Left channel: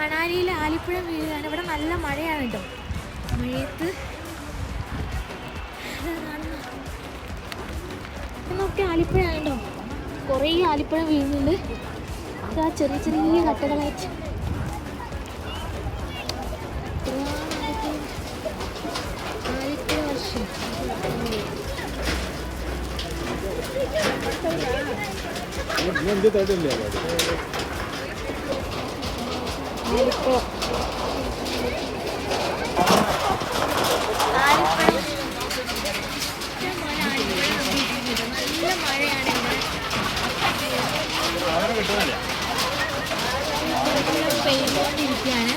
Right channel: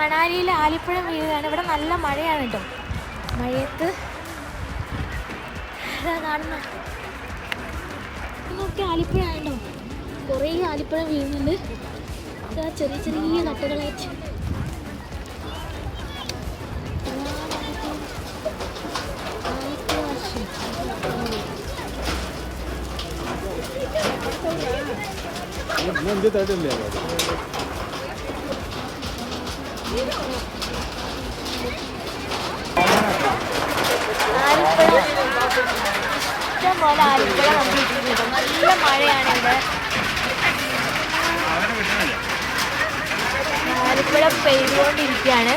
മണാലിയിൽ ആലിപ്പുഴ വീഴുകയാണ്. ഇവിടെ നല്ല മഴയാണ് കേട്ടോ. മഴയത്ത് കാണുന്ന നോക്കി ആലിപ്പുഴ ആണോ, കുറേ ആലിപ്പുഴ വീഴുന്നുണ്ട്. ചെറിയ ചെറിയ കട്ടകളായിട്ട് ഇഷ്ടംപോലെ ആലിപ്പുഴ വന്നിട്ടുണ്ട്. നല്ല മഴയാണ് ഇവിടെ. ആലിപ്പുഴ പെയ്തുകൊണ്ടിരിക്കുകയാണ്.